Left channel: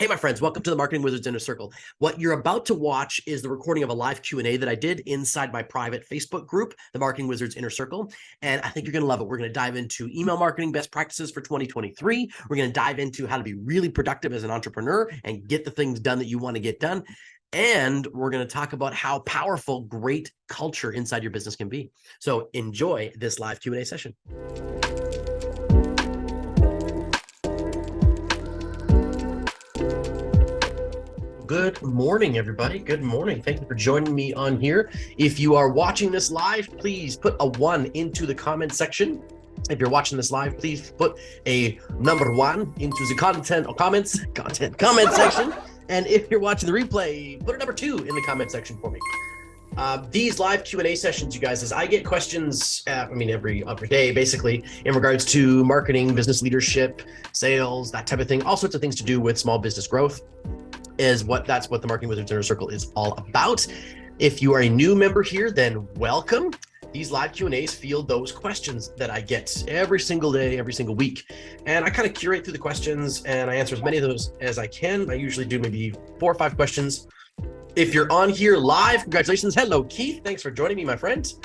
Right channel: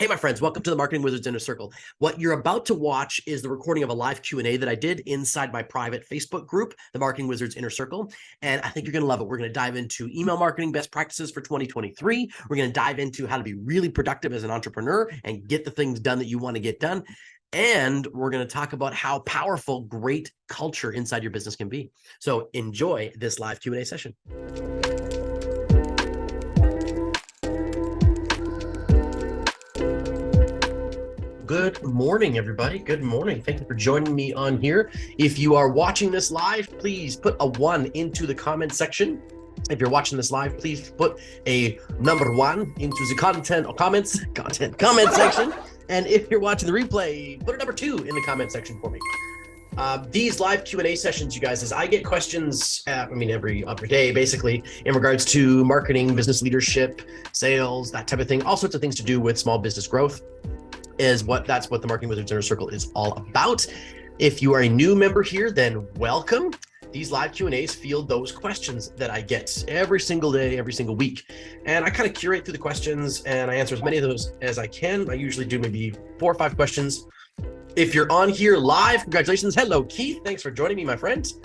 Hey, my friends, welcome to the Marketing Wizards Inner Circle. What you're about to watch is the recording of a live Q&A that I did inside my private Facebook group, the Marketing Wizards Inner Circle, and I think you're going to love it. We're going to dive into email marketing best practices for 2023. We're going to dive into how to be really productive as an entrepreneur and get the things done that you want to get done. And we're going to talk about how powerful great culture inside your business can be. So enjoy this live Q&A session. Good morning, everybody. Good morning. Thank you for joining me on here. If you are watching this live, please put a 1 into the comment section. If you're watching this live, please put a number 1 into the comment section. And if you're watching the replay, put a number 2 in the comment section for me. These live Q&A sessions, you guys, as I get questions, every other day, basically, in regards to marketing, business leadership, sales, that type of thing, all sorts of things to do with small business growth. That's what the Marketing Wizards Inner Circle is all about. If you are a new member here, then welcome. These live Q&As field those questions that I get every single day, every single week. And I kind of curate through the questions and I answer as many of those as I can. I usually do maybe 4 or 5 questions. If you're on here live, congratulations. Hello, Keith. Thanks for joining me, my friends.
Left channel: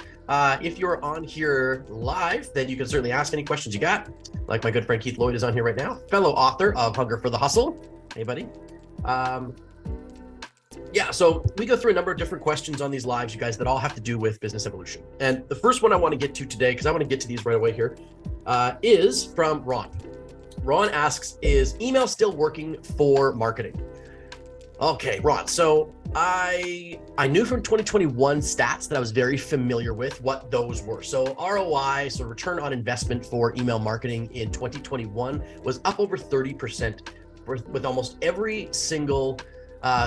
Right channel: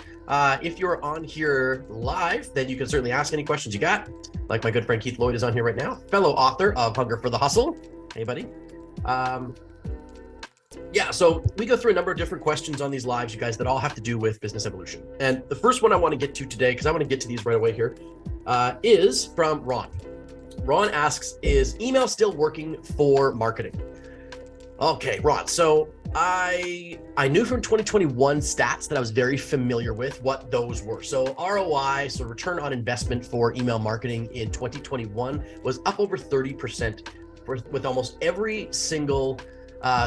If you're on here live, then you can certainly ask any questions you got. Like my good friend Keith Lloyd is on here right now, fellow author of Hunger for the Hustle. Hey, buddy. So we go through a number of different questions on these lives, you guys, that all have to do with business evolution. And the first one I want to get to today, because I want to get to these right away here, is from Ron. Ron asks, is email still working for marketing? Okay, Ron, so I knew from 2021 stats that I was very familiar with what those were. So ROI, so return on investment for email marketing in 2021 was up over 30% with almost every single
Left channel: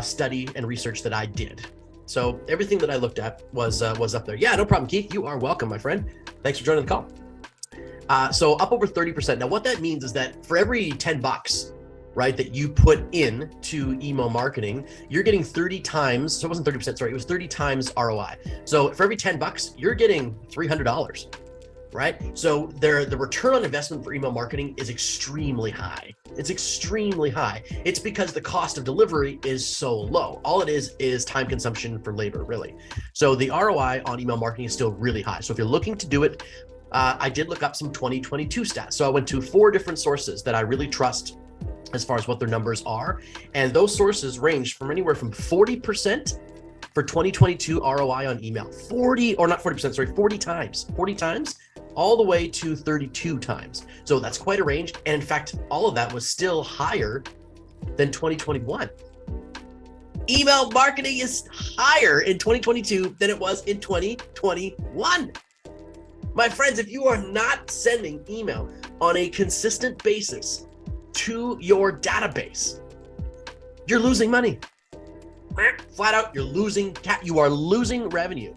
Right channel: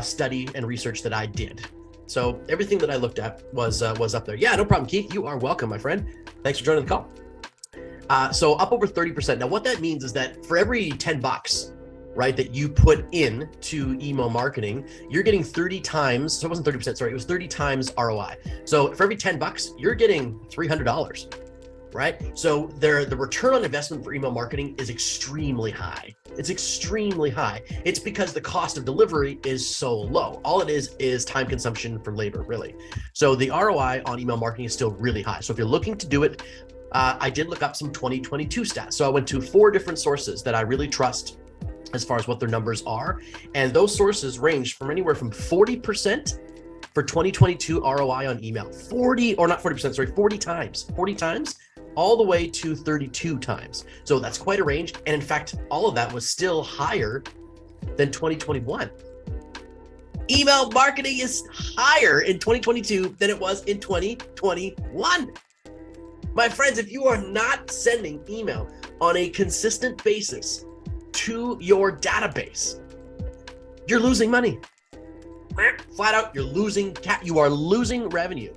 study and research that I did. So everything that I looked at was up there. Yeah, no problem, Keith. You are welcome, my friend. Thanks for joining the call. So up over 30%. Now, what that means is that for every $10, right, that you put in to email marketing, you're getting 30 times. So it wasn't 30%. Sorry, it was 30 times ROI. So for every $10, you're getting $300. Right? So the return on investment for email marketing is extremely high. It's extremely high. It's because the cost of delivery is so low. All it is time consumption for labor, really. So the ROI on email marketing is still really high. So if you're looking to do it, I did look up some 2022 stats. So I went to 4 different sources that I really trust as far as what their numbers are. And those sources range from anywhere from 40% for 2022 ROI on email, 40 times, all the way to 32 times. So that's quite a range. And in fact, all of that was still higher than 2021. Email marketing is higher in 2022 than it was in 2021. My friends, if you are not sending email on a consistent basis to your database, you're losing money. Flat out, you are losing revenue.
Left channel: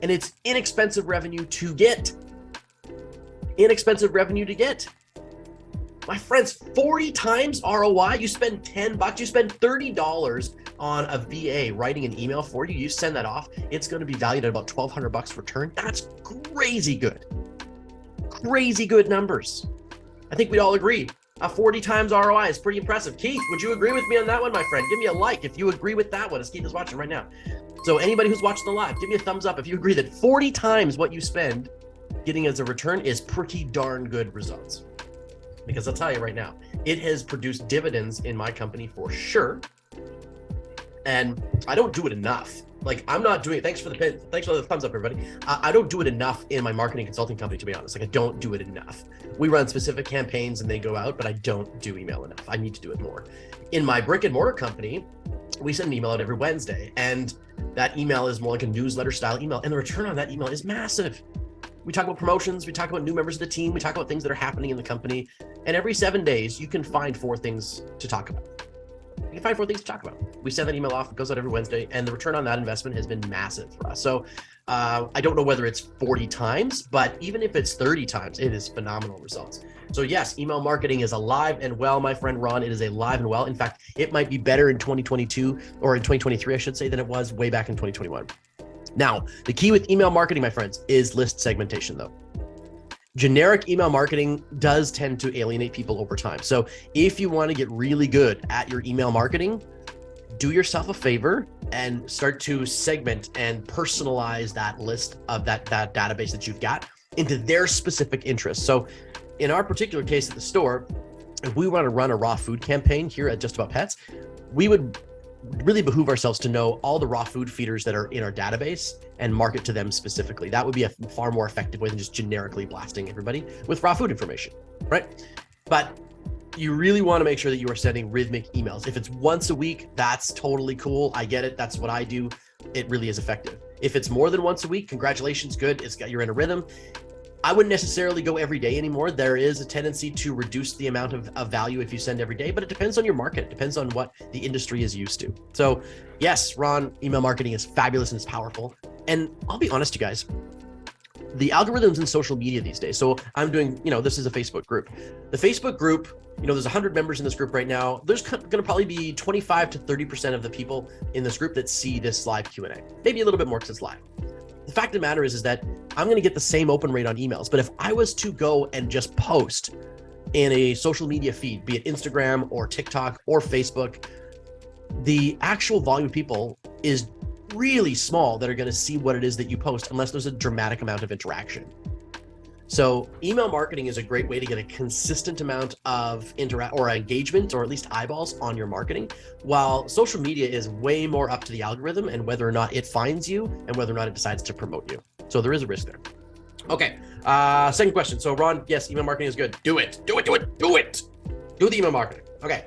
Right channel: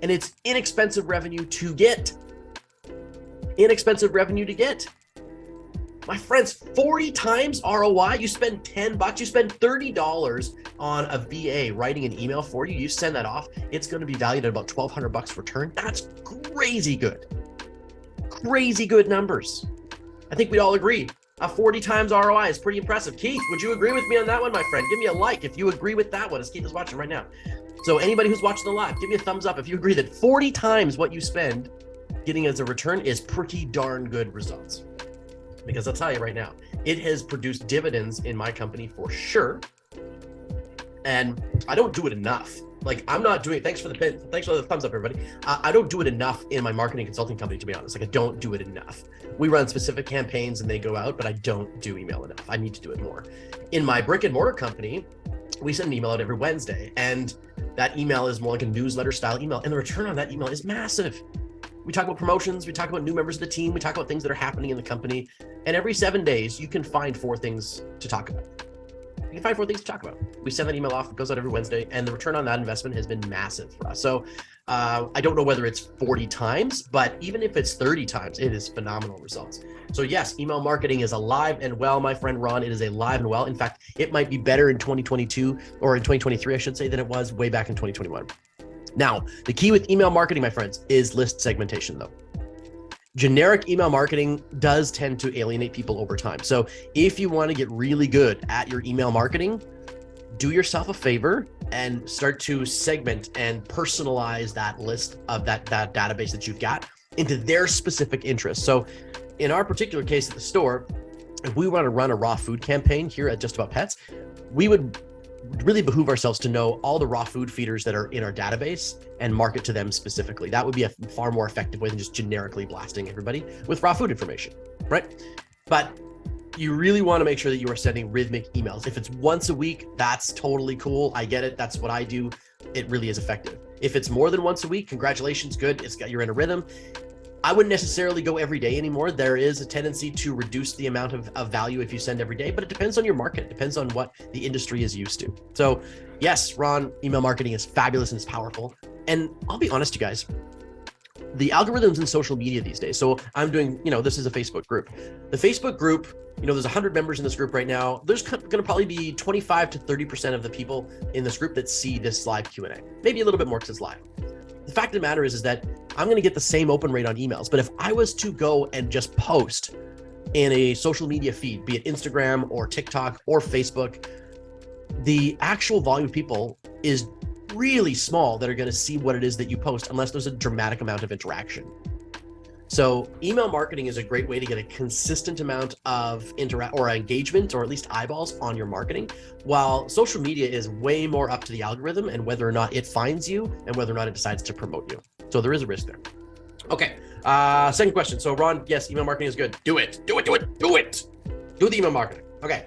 And it's inexpensive revenue to get. My friends, 40 times ROI. You spend $10, you spend $30 on a VA writing an email for you. You send that off. It's going to be valued at about $1,200 return. That's crazy good. Crazy good numbers. I think we all agree. A 40 times ROI is pretty impressive. Keith, would you agree with me on that one, my friend? Give me a like if you agree with that one, as Keith is watching right now. So anybody who's watching the live, give me a thumbs up if you agree that 40 times what you spend getting as a return is pretty darn good results. Because I'll tell you right now, it has produced dividends in my company for sure. And I don't do it enough. I'm not doing it. Thanks for the thumbs up, everybody. I don't do it enough in my marketing consulting company, to be honest. I don't do it enough. We run specific campaigns and they go out, but I don't do email enough. I need to do it more. In my brick and mortar company, we send an email out every Wednesday, and that email is more like a newsletter style email, and the return on that email is massive. We talk about promotions, we talk about new members of the team, we talk about things that are happening in the company, and every 7 days, you can find 4 things to talk about. We send that email off, it goes out every Wednesday, and the return on that investment has been massive for us. So I don't know whether it's 40 times, but even if it's 30 times, it is phenomenal results. So yes, email marketing is alive and well, my friend Ron. It is alive and well. In fact, it might be better in 2022, or in 2023, I should say, than it was way back in 2021. Now, the key with email marketing, my friends, is list segmentation, though. Generic email marketing does tend to alienate people over time. So if you want to get really good at your email marketing, do yourself a favor and start to segment and personalize that list of that database that you've got into their specific interests. So in our particular case at the store, if we want to run a raw food campaign here at Just About Pets, we would really behoove ourselves to know all the raw food feeders that are in our database and market to them specifically. That would be a far more effective way than just generically blasting everybody with raw food information, right? But you really want to make sure that you are sending rhythmic emails. If it's once a week, that's totally cool. I get it. That's what I do. It really is effective. If it's more than once a week, congratulations, good. You're in a rhythm. I wouldn't necessarily go every day anymore. There is a tendency to reduce the amount of value if you send every day, but it depends on your market. It depends on what the industry is used to. So yes, Ron, email marketing is fabulous and it's powerful. And I'll be honest, you guys, the algorithms in social media these days. So I'm doing, this is a Facebook group. The Facebook group, there's 100 members in this group right now. There's going to probably be 25 to 30% of the people in this group that see this live Q&A. Maybe a little bit more because it's live. The fact of the matter is that I'm going to get the same open rate on emails, but if I was to go and just post in a social media feed, be it Instagram or TikTok or Facebook, the actual volume of people is really small that are going to see what it is that you post unless there's a dramatic amount of interaction. So email marketing is a great way to get a consistent amount of engagement, or at least eyeballs on your marketing, while social media is way more up to the algorithm and whether or not it finds you and whether or not it decides to promote you. So there is a risk there. Okay, second question. So Ron, yes, email marketing is good. Do it. Do the email marketing. Okay.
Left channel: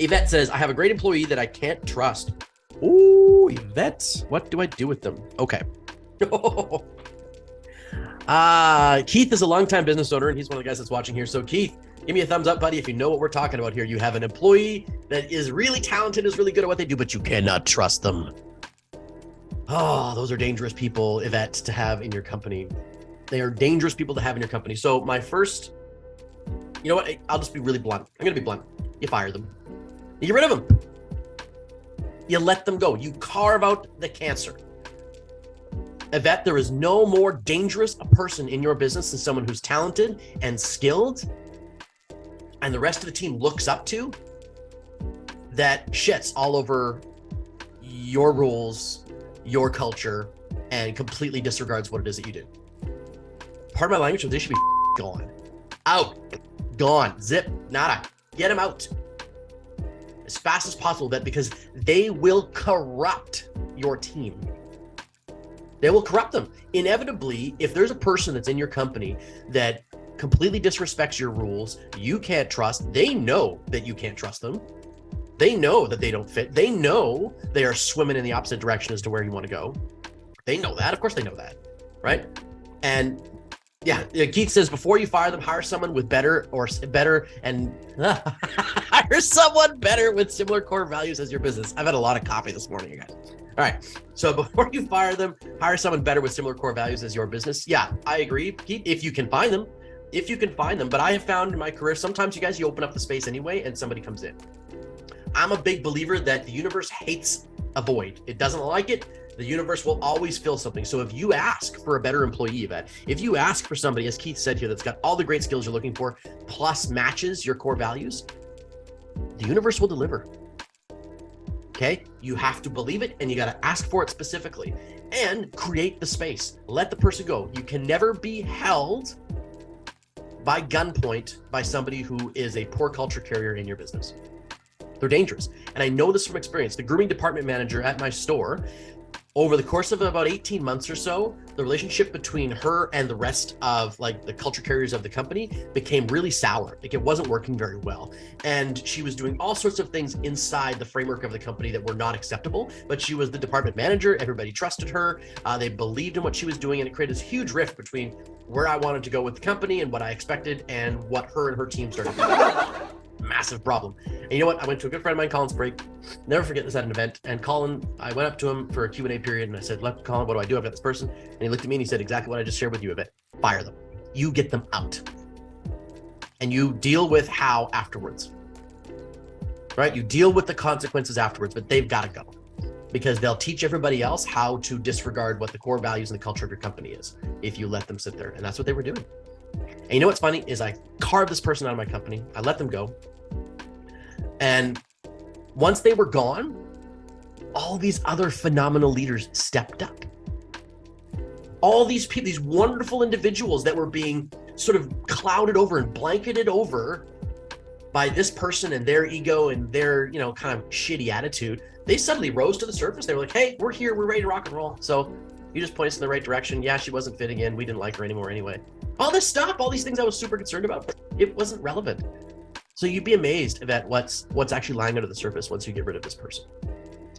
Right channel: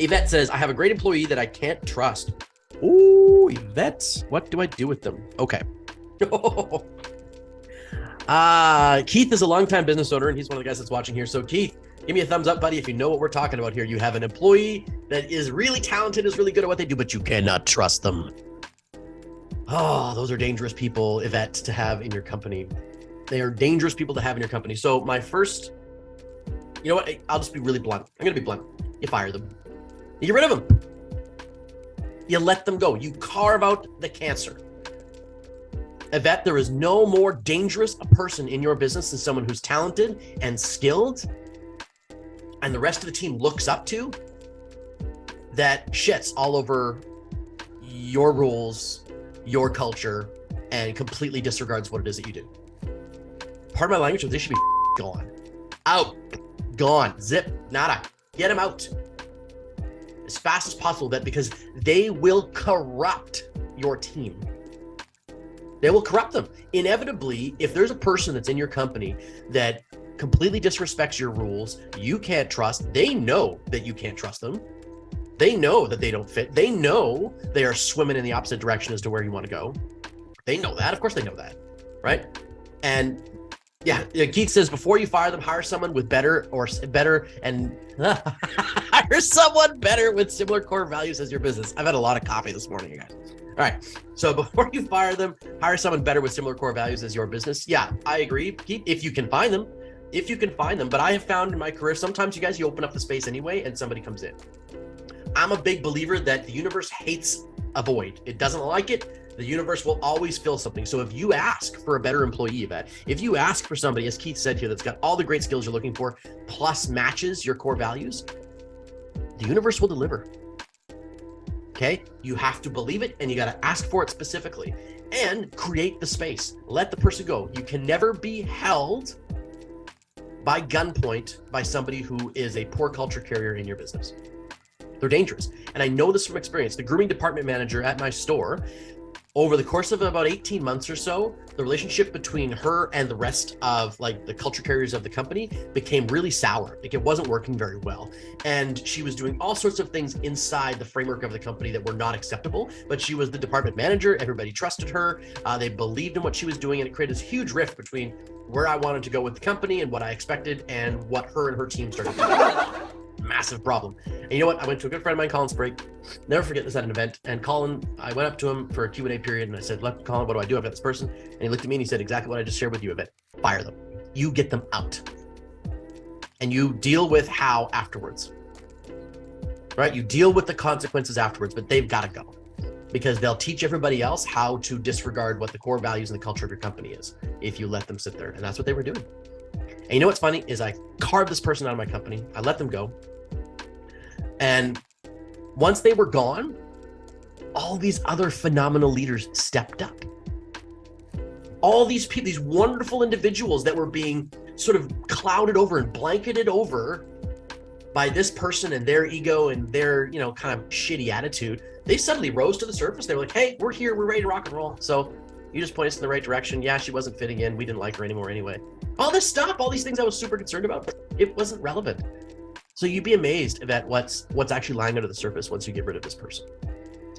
Yvette says, I have a great employee that I can't trust. Ooh, Yvette, what do I do with them? Okay. Keith is a longtime business owner, and he's one of the guys that's watching here. So Keith, give me a thumbs up, buddy, if you know what we're talking about here. You have an employee that is really talented, is really good at what they do, but you cannot trust them. Oh, those are dangerous people, Yvette, to have in your company. They are dangerous people to have in your company. So my first, you know what? I'll just be really blunt. I'm going to be blunt. You fire them. You get rid of them. You let them go. You carve out the cancer. Yvette, there is no more dangerous a person in your business than someone who's talented and skilled and the rest of the team looks up to, that shits all over your rules, your culture, and completely disregards what it is that you do. Part of my language is they should be gone. Out. Gone. Zip. Nada. Get them out. As fast as possible, because they will corrupt your team. They will corrupt them. Inevitably, if there's a person that's in your company that completely disrespects your rules, you can't trust, they know that you can't trust them. They know that they don't fit. They know they are swimming in the opposite direction as to where you want to go. They know that. Of course they know that, right? And yeah, Keith says, before you fire them, hire someone with better and hire someone better with similar core values as your business. I've had a lot of coffee this morning, you guys. All right, so before you fire them, hire someone better with similar core values as your business. Yeah, I agree, Keith, if you can find them. But I have found in my career, sometimes you guys, you open up the space anyway and somebody comes in. I'm a big believer that the universe hates a void. It doesn't like it. The universe will always fill something. So if you ask for a better employee, Yvette, if you ask for somebody, as Keith said here, that's got all the great skills you're looking for, plus matches your core values, the universe will deliver. Okay? You have to believe it, and you got to ask for it specifically and create the space. Let the person go. You can never be held by gunpoint by somebody who is a poor culture carrier in your business. They're dangerous. And I know this from experience. The grooming department manager at my store, over the course of about 18 months or so, the relationship between her and the rest of the culture carriers of the company became really sour. It wasn't working very well. And she was doing all sorts of things inside the framework of the company that were not acceptable, but she was the department manager. Everybody trusted her. They believed in what she was doing, and it created this huge rift between where I wanted to go with the company and what I expected and what her and her team started doing. Massive problem. And you know what? I went to a good friend of mine, Colin Sprague. Never forget this at an event. And Colin, I went up to him for a Q&A period and I said, Colin, what do I do? I've got this person. And he looked at me and he said exactly what I just shared with you, Yvette. Fire them. You get them out. And you deal with how afterwards. Right? You deal with the consequences afterwards, but they've got to go. because they'll teach everybody else how to disregard what the core values and the culture of your company is if you let them sit there. And that's what they were doing. And you know what's funny is I carved this person out of my company. I let them go. And once they were gone, all these other phenomenal leaders stepped up. All these people, these wonderful individuals that were being sort of clouded over and blanketed over by this person and their ego and their, kind of shitty attitude, they suddenly rose to the surface. They were like, hey, we're here. We're ready to rock and roll. So you just point us in the right direction. Yeah, she wasn't fitting in. We didn't like her anymore anyway. All this stuff, all these things I was super concerned about, but it wasn't relevant. So you'd be amazed at what's actually lying under the surface once you get rid of this person.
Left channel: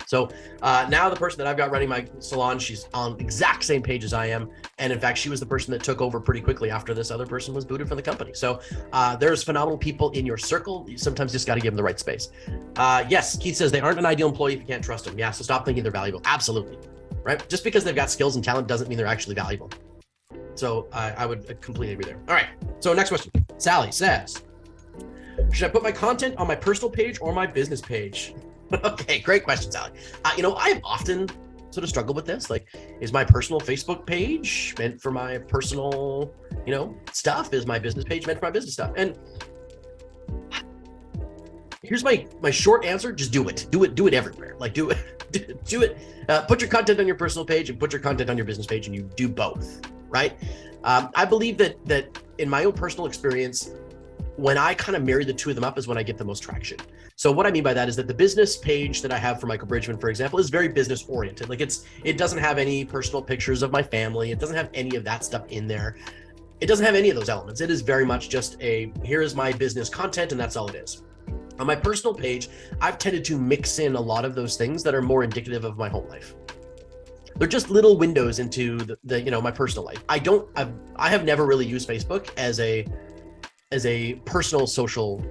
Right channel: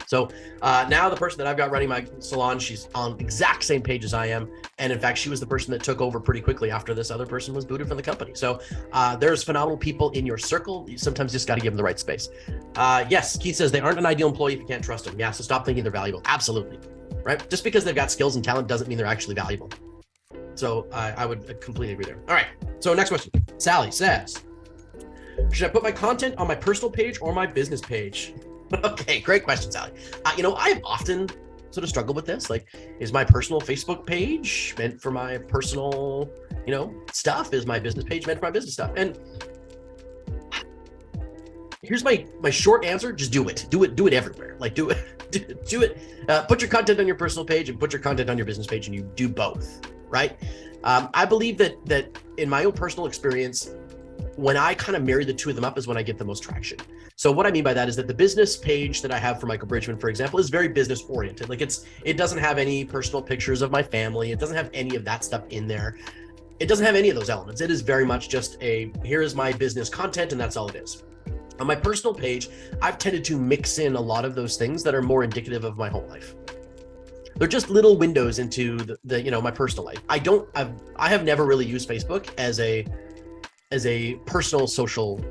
So now the person that I've got running my salon, she's on the exact same page as I am. And in fact, she was the person that took over pretty quickly after this other person was booted from the company. So there's phenomenal people in your circle. You sometimes just got to give them the right space. Yes, Keith says they aren't an ideal employee if you can't trust them. Yeah, so stop thinking they're valuable. Absolutely. Right? Just because they've got skills and talent doesn't mean they're actually valuable. So I would completely agree there. All right. So next question. Sally says, should I put my content on my personal page or my business page? Okay, great question, Sally. I've often sort of struggled with this. Like, is my personal Facebook page meant for my personal, stuff? Is my business page meant for my business stuff? And here's my short answer: just do it. Do it everywhere. Like, do it. Do it. Put your content on your personal page and put your content on your business page, and you do both, right? I believe that in my own personal experience, when I kind of marry the two of them up is when I get the most traction. So what I mean by that is that the business page that I have for Michael Bridgman, for example, is very business oriented. Like it doesn't have any personal pictures of my family. It doesn't have any of that stuff in there. It doesn't have any of those elements. It is very much just here's my business content, and that's all it is. On my personal page, I've tended to mix in a lot of those things that are more indicative of my whole life. They're just little windows into the my personal life. I have never really used Facebook as a personal social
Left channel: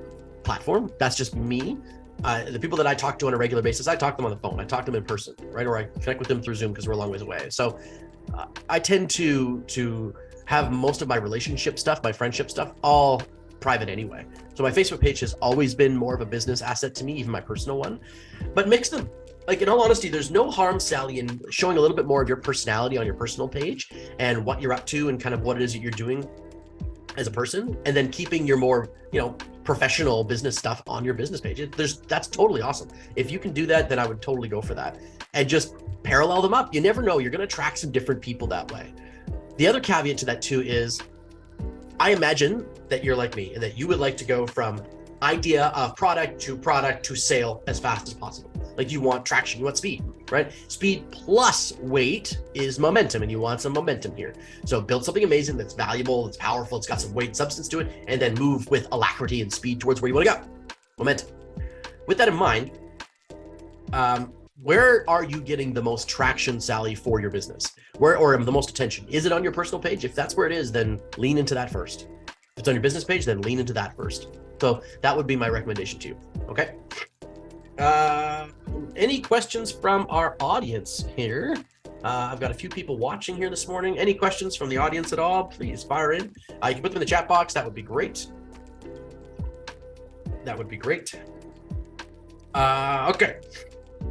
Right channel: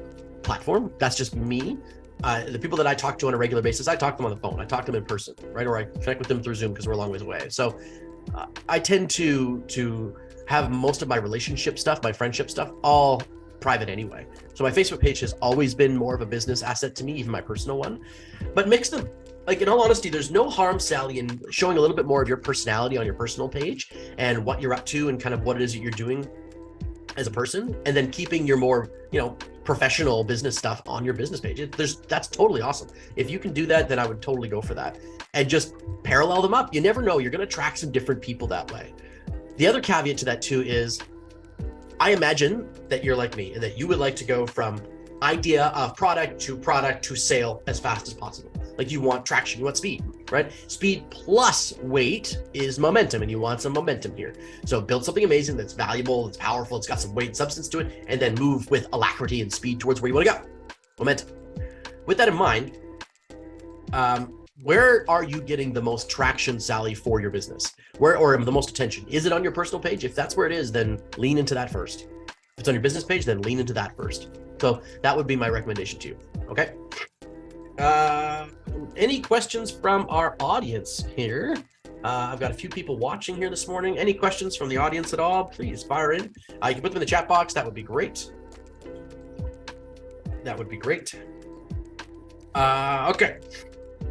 platform. That's just me. The people that I talk to on a regular basis, I talk to them on the phone. I talk to them in person, right? Or I connect with them through Zoom because we're a long ways away. So I tend to have most of my relationship stuff, my friendship stuff, all private anyway. So my Facebook page has always been more of a business asset to me, even my personal one. But mix them. Like, in all honesty, there's no harm, Sally, in showing a little bit more of your personality on your personal page and what you're up to and kind of what it is that you're doing as a person, and then keeping your more, professional business stuff on your business page. That's totally awesome. If you can do that, then I would totally go for that. And just parallel them up. You never know. You're going to attract some different people that way. The other caveat to that too is, I imagine that you're like me and that you would like to go from idea of product to sale as fast as possible. Like, you want traction, you want speed, right? Speed plus weight is momentum, and you want some momentum here. So build something amazing that's valuable, it's powerful, it's got some weight and substance to it, and then move with alacrity and speed towards where you want to go. Momentum. With that in mind, where are you getting the most traction, Sally, for your business? Or the most attention? Is it on your personal page? If that's where it is, then lean into that first. If it's on your business page, then lean into that first. So that would be my recommendation to you. Okay. Any questions from our audience here? I've got a few people watching here this morning. Any questions from the audience at all? Please fire in. You can put them in the chat box. That would be great. That would be great. Okay.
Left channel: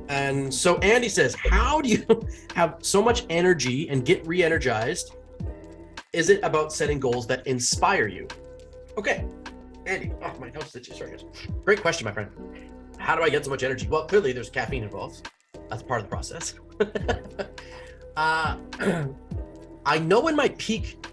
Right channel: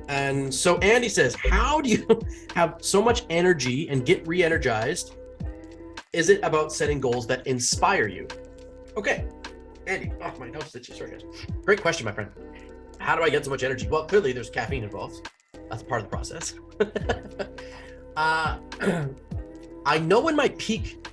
And so Andy says, how do you have so much energy and get re-energized? Is it about setting goals that inspire you? Okay. Andy, my nose itches right here. Great question, my friend. How do I get so much energy? Well, clearly there's caffeine involved. That's part of the process. I know when my peak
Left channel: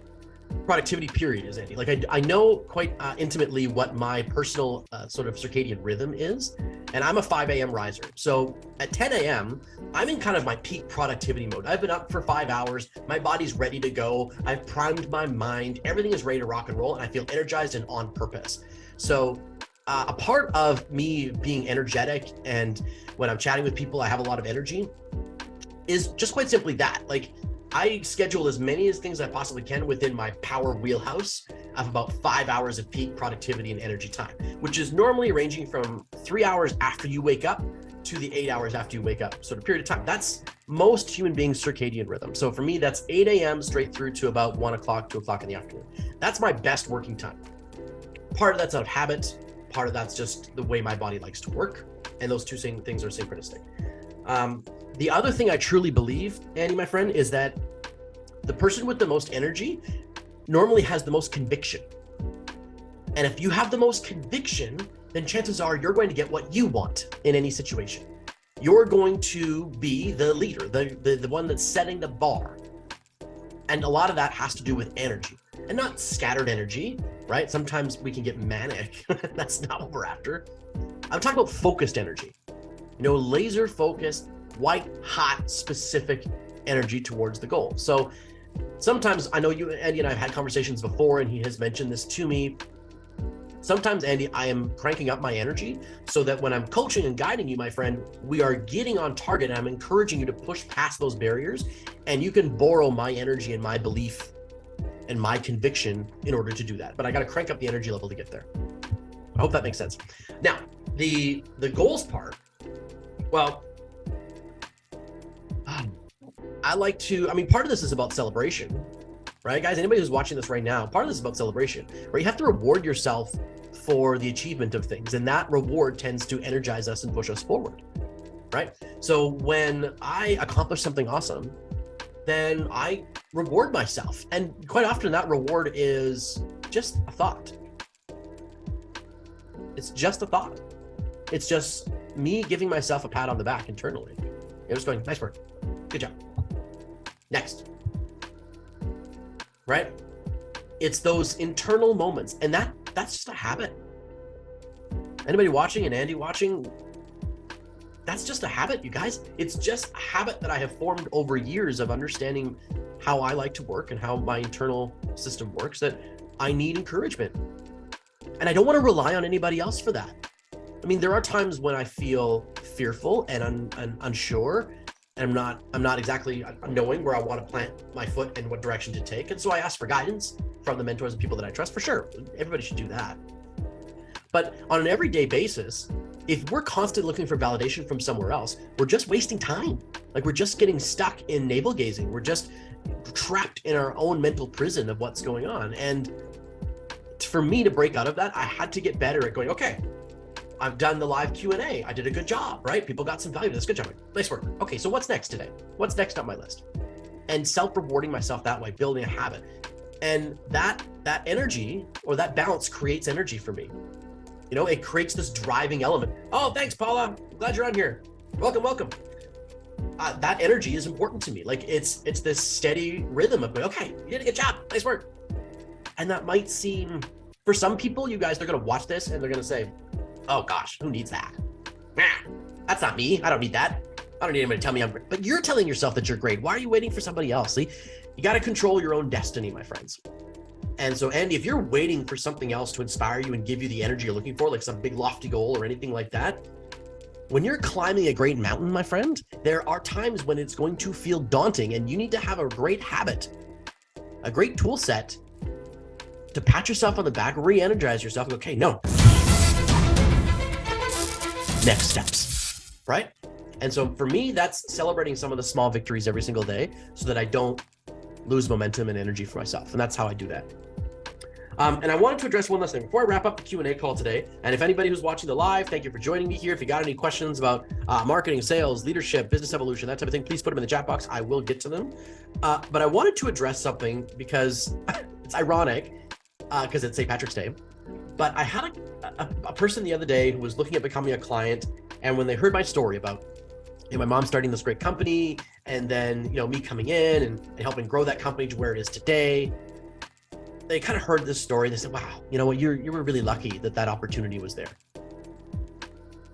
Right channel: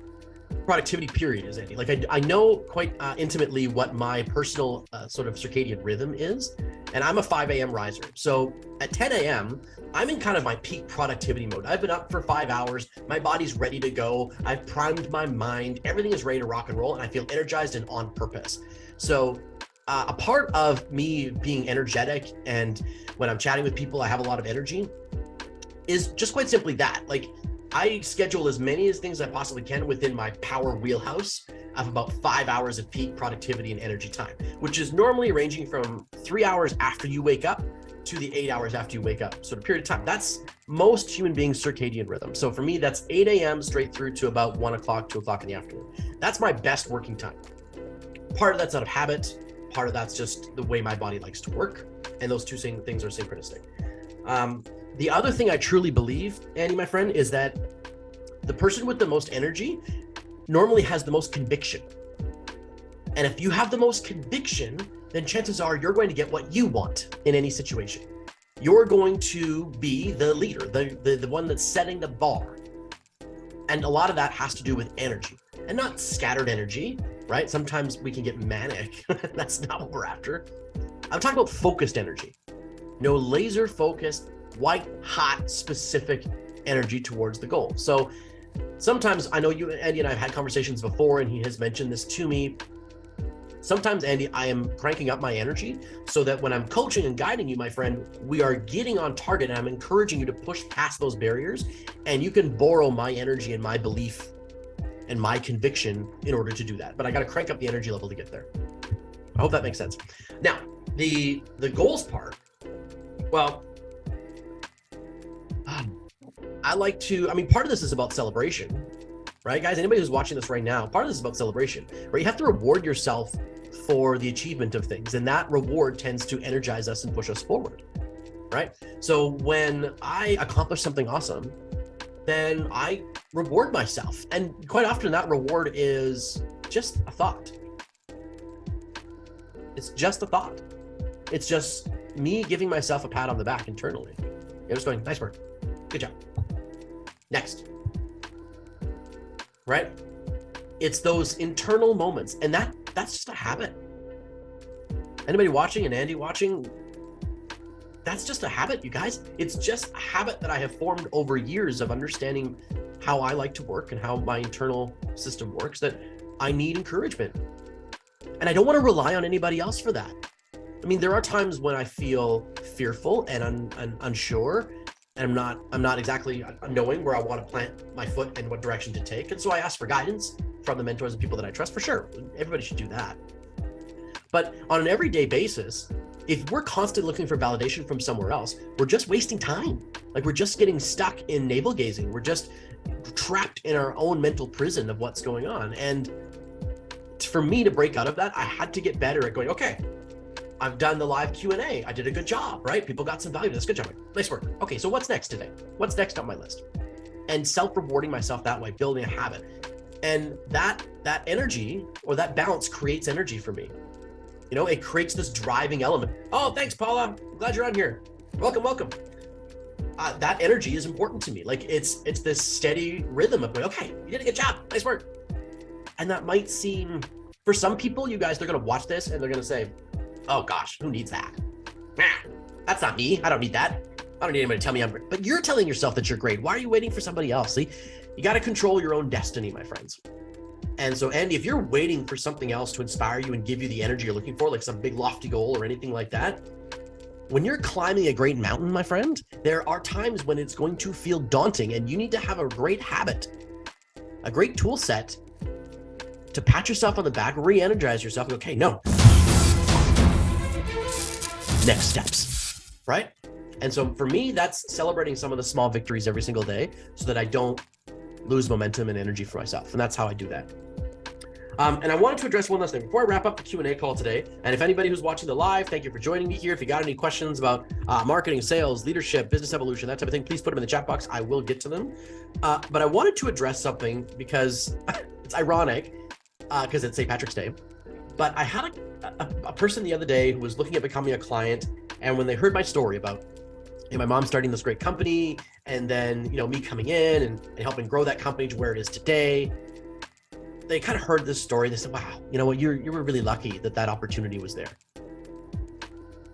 productivity period is, Andy. Like, I know quite intimately what my personal sort of circadian rhythm is, and I'm a 5 a.m. riser. So at 10 a.m., I'm in kind of my peak productivity mode. I've been up for 5 hours. My body's ready to go. I've primed my mind. Everything is ready to rock and roll, and I feel energized and on purpose. So a part of me being energetic, and when I'm chatting with people, I have a lot of energy, is just quite simply that. Like, I schedule as many things as I possibly can within my power wheelhouse of about 5 hours of peak productivity and energy time, which is normally ranging from 3 hours after you wake up to the 8 hours after you wake up sort of period of time. That's most human beings' circadian rhythm. So for me, that's 8 a.m. straight through to about 1 o'clock, 2 o'clock in the afternoon. That's my best working time. Part of that's out of habit. Part of that's just the way my body likes to work. And those two things are synchronistic. The other thing I truly believe, Andy, my friend, is that the person with the most energy normally has the most conviction. And if you have the most conviction, then chances are you're going to get what you want in any situation. You're going to be the leader, the one that's setting the bar. And a lot of that has to do with energy, and not scattered energy, right? Sometimes we can get manic. That's not what we're after. I'm talking about focused energy. Laser focused, white hot, specific energy towards the goal. So sometimes, I know you, Andy, and I have had conversations before, and he has mentioned this to me. Sometimes, Andy, I am cranking up my energy so that when I'm coaching and guiding you, my friend, we are getting on target. And I'm encouraging you to push past those barriers, and you can borrow my energy and my belief and my conviction in order to do that. But I got to crank up the energy level to get there. I hope that makes sense. Now, the goals part, well, part of this is about celebration, right, guys? Anybody who's watching this right now, part of this is about celebration, right? You have to reward yourself for the achievement of things, and that reward tends to energize us and push us forward, right? So when I accomplish something awesome, then I reward myself, and quite often that reward is just a thought. It's just a thought. It's just me giving myself a pat on the back internally. You're just going, nice work, good job, next. Right? It's those internal moments, and that's just a habit. Anybody watching, and Andy watching, that's just a habit, you guys. It's just a habit that I have formed over years of understanding how I like to work and how my internal system works, that I need encouragement. And I don't want to rely on anybody else for that. I mean, there are times when I feel fearful and I'm unsure, and I'm not exactly knowing where I want to plant my foot and what direction to take. And so I ask for guidance from the mentors and people that I trust, for sure. Everybody should do that. But on an everyday basis, if we're constantly looking for validation from somewhere else, we're just wasting time. Like, we're just getting stuck in navel gazing. We're just trapped in our own mental prison of what's going on. And for me to break out of that, I had to get better at going, okay, I've done the live Q&A. I did a good job, right? People got some value. That's good job. Nice work. Okay, so what's next today? What's next on my list? And self-rewarding myself that way, building a habit. And that energy, or that balance, creates energy for me. It creates this driving element. Oh, thanks, Paula. Glad you're on here. Welcome. That energy is important to me. Like, it's this steady rhythm of, okay, you did a good job. Nice work. And that might seem, for some people, you guys, they're going to watch this and they're going to say, oh gosh, who needs that? That's not me. I don't need that. I don't need anybody to tell me I'm great. But you're telling yourself that you're great. Why are you waiting for somebody else? See, you got to control your own destiny, my friends. And so, Andy, if you're waiting for something else to inspire you and give you the energy you're looking for, like some big lofty goal or anything like that, when you're climbing a great mountain, my friend, there are times when it's going to feel daunting, and you need to have a great habit, a great tool set to pat yourself on the back, re-energize yourself, and okay, no. Next steps, right? And so for me, that's celebrating some of the small victories every single day so that I don't lose momentum and energy for myself. And that's how I do that. And I wanted to address one last thing before I wrap up the Q&A call today. And if anybody who's watching the live, thank you for joining me here. If you got any questions about marketing, sales, leadership, business evolution, that type of thing, please put them in the chat box. I will get to them. But I wanted to address something because it's ironic because it's St. Patrick's Day. But I had a person the other day who was looking at becoming a client, and when they heard my story about my mom starting this great company, and then me coming in and helping grow that company to where it is today, they kind of heard this story. They said, "Wow, you know what? You were really lucky that opportunity was there."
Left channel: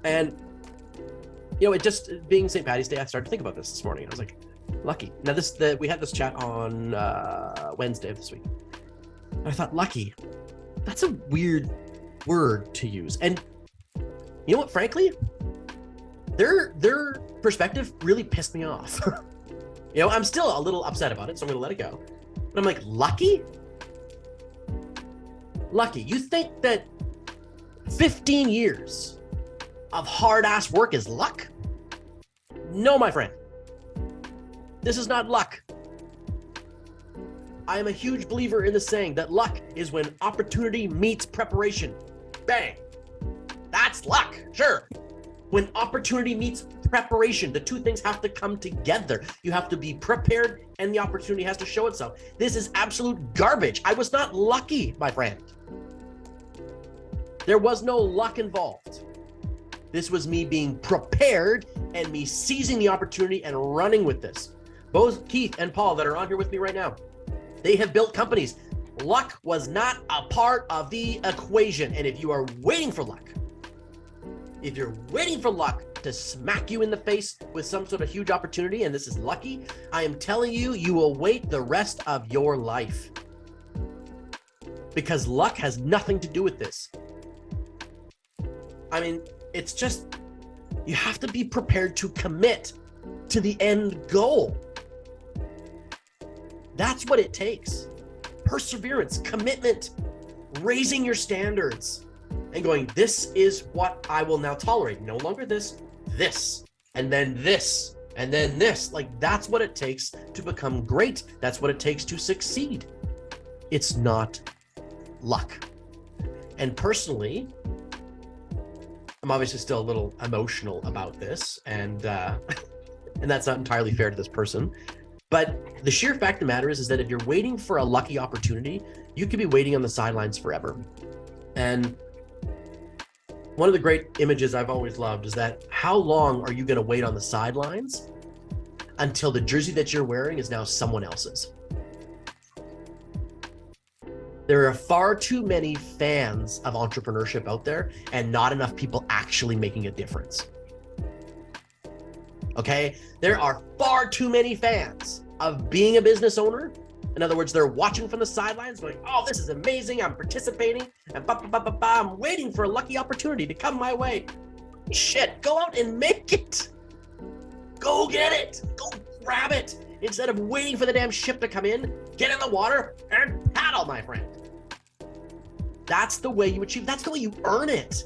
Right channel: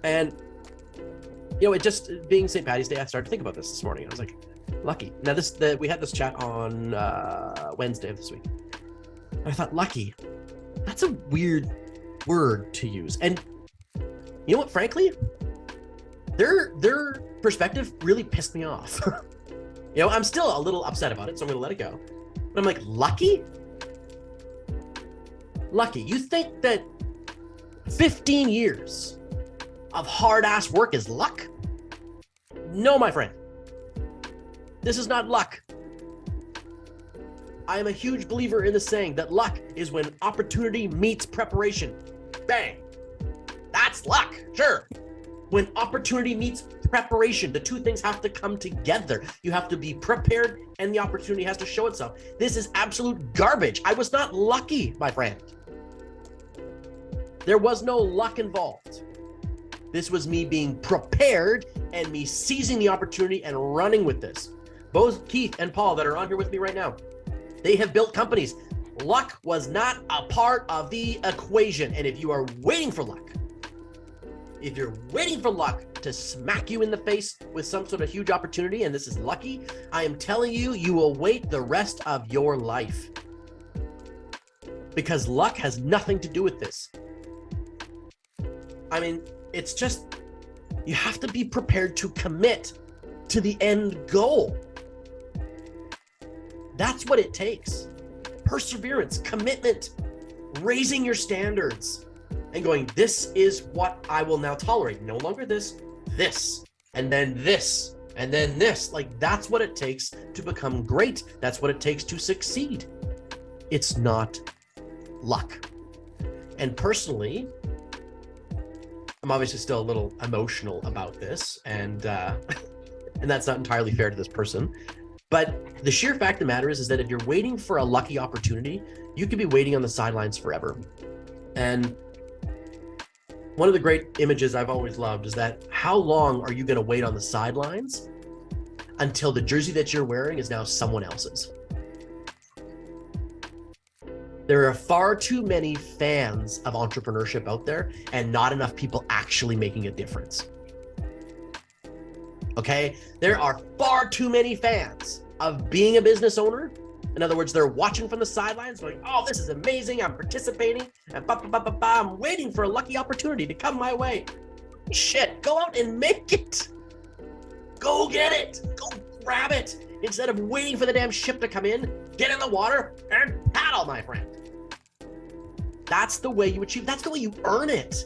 And it just being St. Patty's Day, I started to think about this morning. I was like, lucky. Now we had this chat on Wednesday of this week, and I thought, lucky. That's a weird word to use. And you know what, frankly, their perspective really pissed me off. I'm still a little upset about it, so I'm gonna let it go. But I'm like, lucky? Lucky. You think that 15 years of hard-ass work is luck? No, my friend. This is not luck. I am a huge believer in the saying that luck is when opportunity meets preparation. Bang. That's luck, sure. When opportunity meets preparation, the two things have to come together. You have to be prepared and the opportunity has to show itself. This is absolute garbage. I was not lucky, my friend. There was no luck involved. This was me being prepared and me seizing the opportunity and running with this. Both Keith and Paul that are on here with me right now, they have built companies. Luck was not a part of the equation. And if you are waiting for luck, if you're waiting for luck to smack you in the face with some sort of huge opportunity, and this is lucky, I am telling you, you will wait the rest of your life. Because luck has nothing to do with this. I mean, it's just, you have to be prepared to commit to the end goal. That's what it takes. Perseverance, commitment, raising your standards, and going, this is what I will now tolerate. No longer this, and then this, and then this. Like, that's what it takes to become great. That's what it takes to succeed. It's not luck. And personally, I'm obviously still a little emotional about this, and that's not entirely fair to this person. But the sheer fact of the matter is that if you're waiting for a lucky opportunity, you could be waiting on the sidelines forever. And one of the great images I've always loved is that how long are you going to wait on the sidelines until the jersey that you're wearing is now someone else's? There are far too many fans of entrepreneurship out there and not enough people actually making a difference. Okay? There are far too many fans of being a business owner. In other words, they're watching from the sidelines going, oh, this is amazing, I'm participating, and I'm waiting for a lucky opportunity to come my way. Shit, go out and make it. Go get it. Go grab it. Instead of waiting for the damn ship to come in, get in the water and paddle, my friend. That's the way you achieve, that's the way you earn it.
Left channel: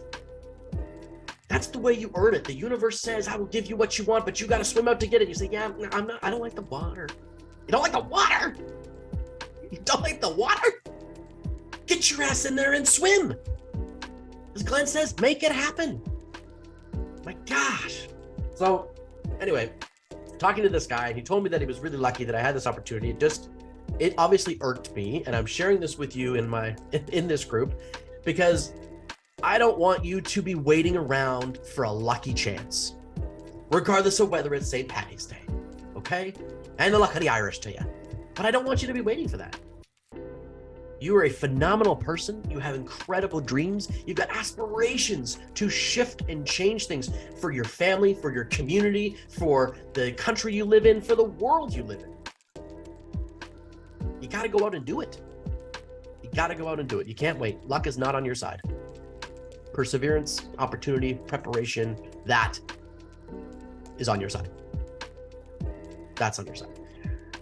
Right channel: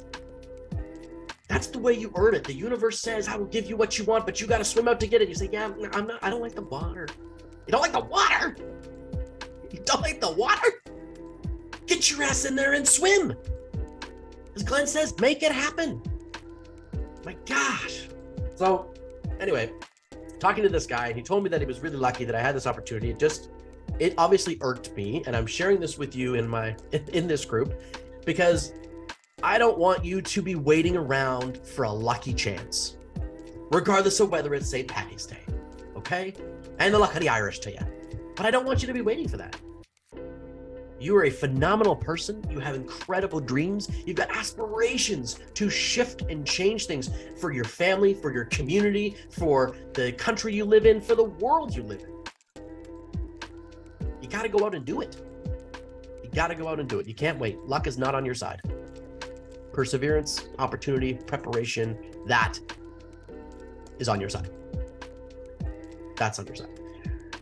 That's the way you earn it. The universe says, I will give you what you want, but you got to swim out to get it. You say, yeah, I don't like the water. You don't like the water? You don't like the water? Get your ass in there and swim. As Glenn says, make it happen. My gosh. So anyway, talking to this guy, and he told me that he was really lucky that I had this opportunity. It obviously irked me, and I'm sharing this with you in this group because I don't want you to be waiting around for a lucky chance, regardless of whether it's St. Patty's Day, okay? And the luck of the Irish to you. But I don't want you to be waiting for that. You are a phenomenal person. You have incredible dreams. You've got aspirations to shift and change things for your family, for your community, for the country you live in, for the world you live in. You got to go out and do it. You got to go out and do it. You can't wait. Luck is not on your side. Perseverance, opportunity, preparation, that is on your side. That's on your side.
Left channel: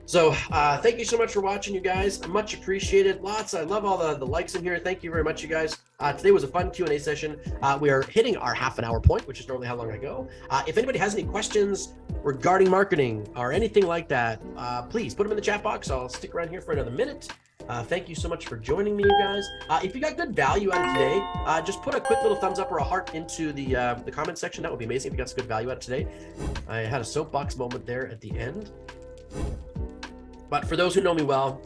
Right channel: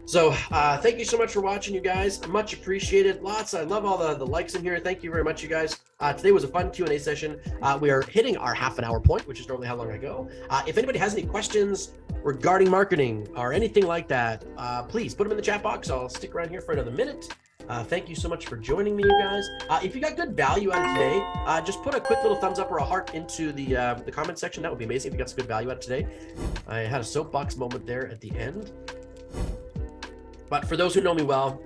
So thank you so much for watching, you guys. Much appreciated. I love all the likes in here. Thank you very much, you guys. Today was a fun Q&A session. We are hitting our half-an-hour point, which is normally how long I go. If anybody has any questions regarding marketing or anything like that, please put them in the chat box. I'll stick around here for another minute. Thank you so much for joining me, you guys. If you got good value out of today, just put a quick little thumbs up or a heart into the comment section. That would be amazing if you got some good value out of today. I had a soapbox moment there at the end. But for those who know me well,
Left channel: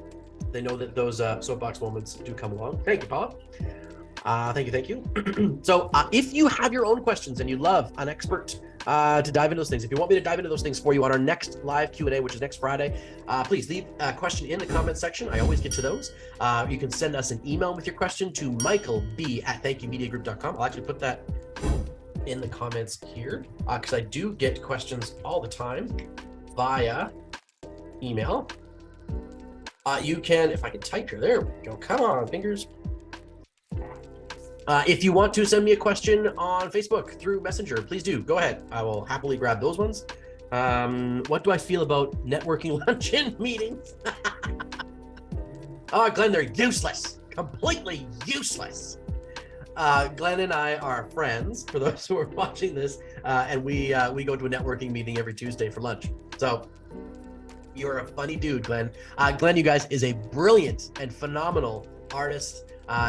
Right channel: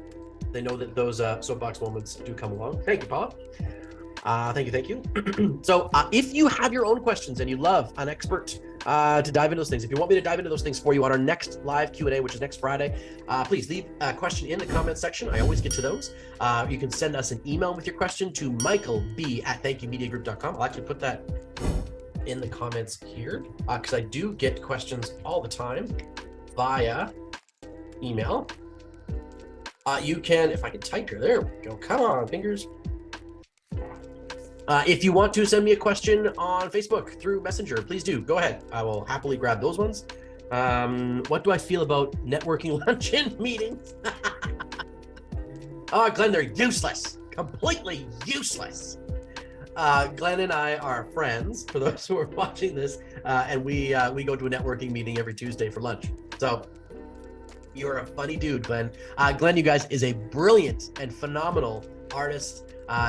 they know that those soapbox moments do come along. Thank you, Bob. Thank you. So if you have your own questions and you'd love an expert to dive into those things, if you want me to dive into those things for you on our next live Q&A, which is next Friday, please leave a question in the comment section. I always get to those. You can send us an email with your question to michaelb@thankyoumediagroup.com. I'll actually put that in the comments here because I do get questions all the time via email. You can, if I can type here, there we go. Come on, fingers. If you want to send me a question on Facebook through Messenger, please do. Go ahead. I will happily grab those ones. What do I feel about networking luncheon meetings? Oh, Glenn, they're useless. Completely useless. Glenn and I are friends, for those who are watching this, and we go to a networking meeting every Tuesday for lunch. So you're a funny dude, Glenn. Glenn, you guys, is a brilliant and phenomenal artist,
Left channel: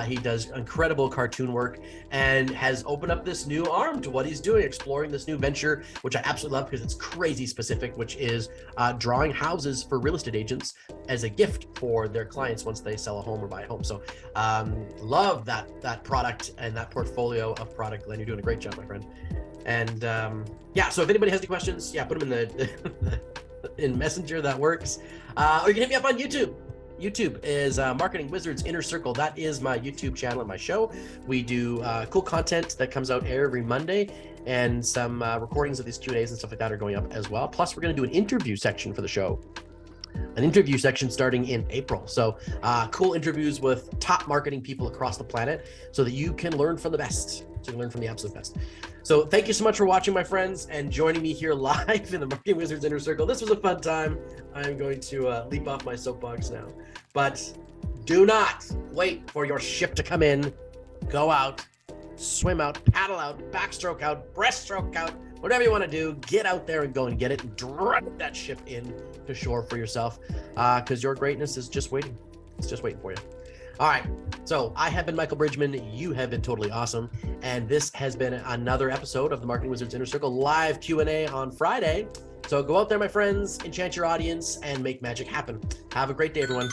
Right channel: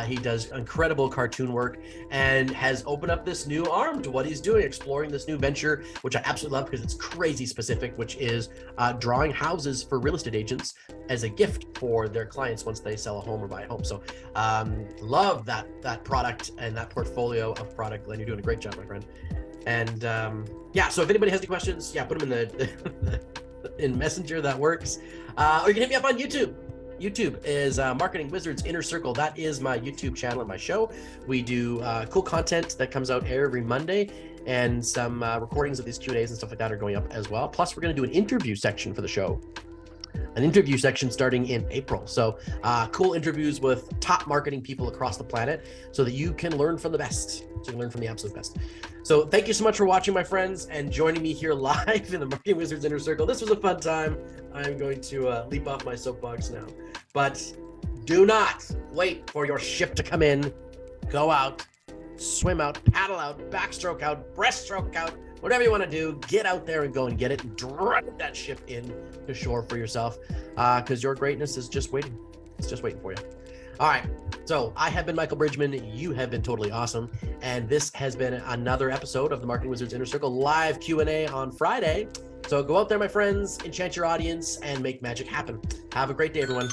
He does incredible cartoon work and has opened up this new arm to what he's doing, exploring this new venture, which I absolutely love because it's crazy specific, which is drawing houses for real estate agents as a gift for their clients once they sell a home or buy a home. So love that product and that portfolio of product. Glenn, you're doing a great job, my friend. And yeah, so if anybody has any questions, yeah, put them in the in Messenger. That works. Or you can hit me up on YouTube. YouTube is Marketing Wizards Inner Circle. That is my YouTube channel and my show. We do cool content that comes out every Monday, and some recordings of these Q&As and stuff like that are going up as well. Plus, we're going to do an interview section for the show. An interview section starting in April. So cool interviews with top marketing people across the planet so that you can learn from the best. So you can learn from the absolute best. So thank you so much for watching, my friends, and joining me here live in the Marketing Wizards Inner Circle. This was a fun time. I'm going to leap off my soapbox now. But do not wait for your ship to come in. Go out, swim out, paddle out, backstroke out, breaststroke out, whatever you want to do. Get out there and go and get it and drive that ship in to shore for yourself, because your greatness is just waiting. It's just waiting for you. All right, so I have been Michael Bridgman. You have been totally awesome, and this has been another episode of the Marketing Wizards Inner Circle live Q&A on Friday. So go out there, my friends, enchant your audience, and make magic happen. Have a great day, everyone.